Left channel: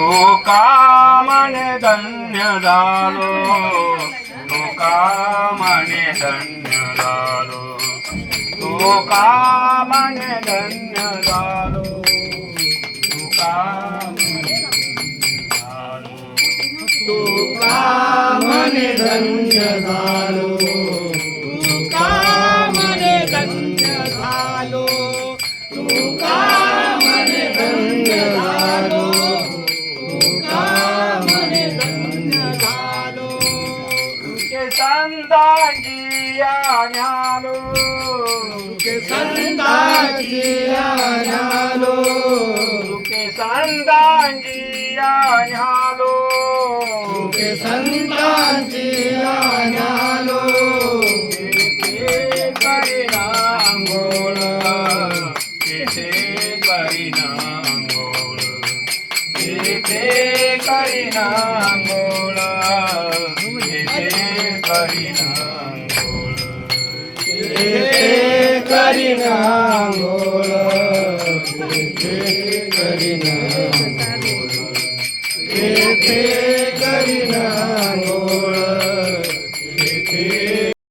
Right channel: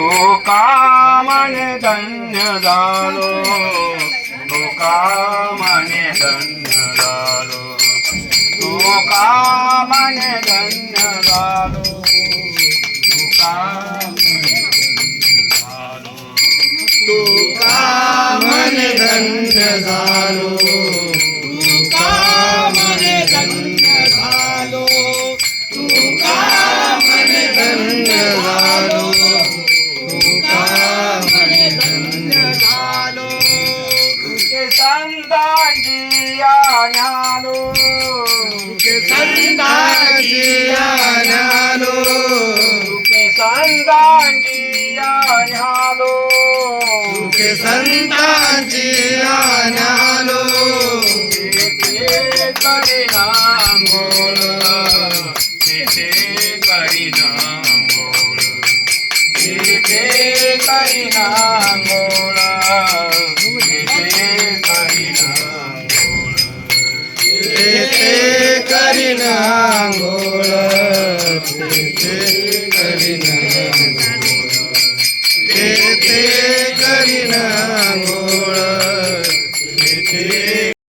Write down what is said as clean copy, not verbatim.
तुका म्हणे धन्य झालो, तुका म्हणे धन्य झालो, तुका म्हणे धन्य झालो, तुका म्हणे धन्य झालो, तुका म्हणे धन्य झालो, तुका म्हणे धन्य झालो, तुका म्हणे धन्य झालो, तुके संतांची आज्ञालो, तुके संतांची आज्ञालो, तुके संतांची आज्ञालो, तुके संतांची आज्ञालो, तिथे परिणाम गोळ, तिथे परिणाम गोळ, तिथे परिणाम गोळ, तिथे परिणाम गोळ, तिथे परिणाम गोळ, तिथे परिणाम गोळ.